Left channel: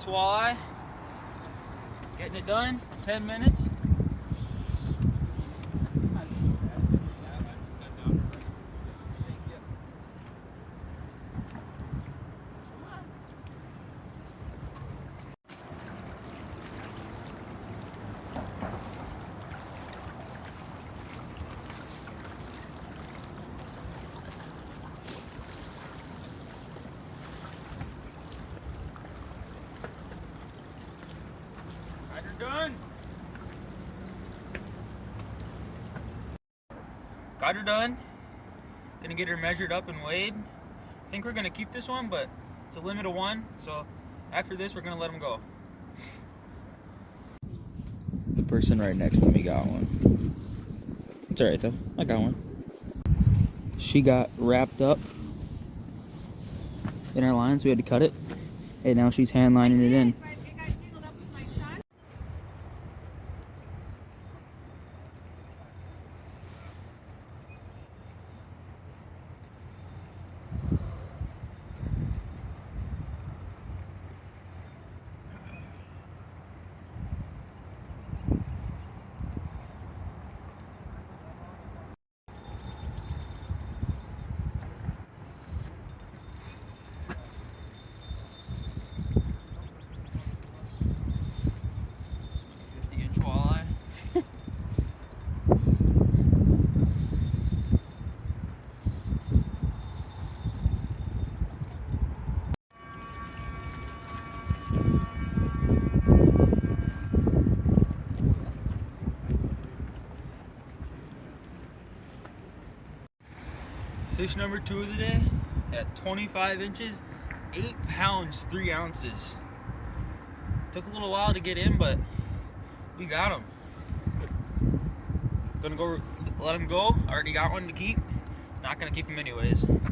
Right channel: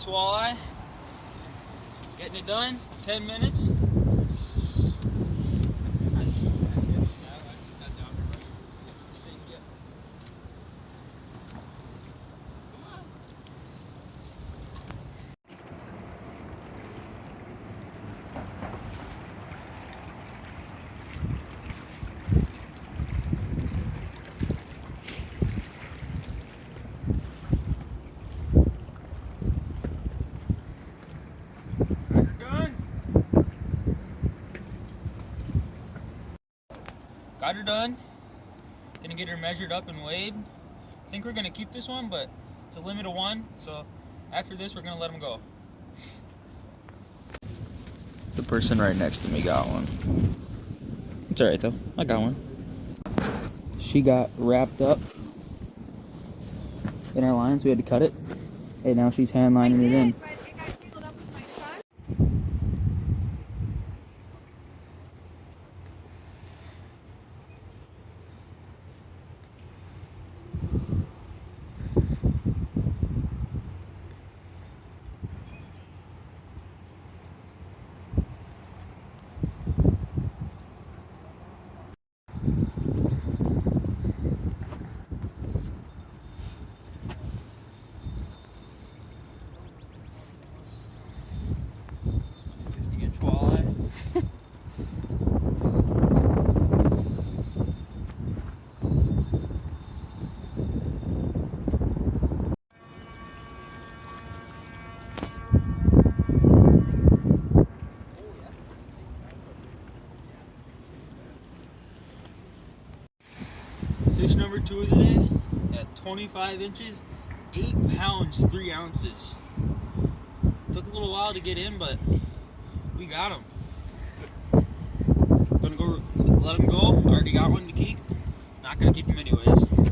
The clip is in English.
Nice walleye. Getting it done, 10 minutes. Got her done. Gonna get her measured up and weighed. I think we're gonna keep this one, but it's a limit of one. So after this, we're gonna let them go. The person right next to me got one. It's alright though. I got one. She got wrapped up in our lines. We had to cut it. And now she's hand lining it in. Fish number 2 of the day at 25 inches, 8 pounds, 3 ounces. Took a little while to get in, but we got him. Gonna go let him go. Already got one to keep. Not gonna keep him anyways.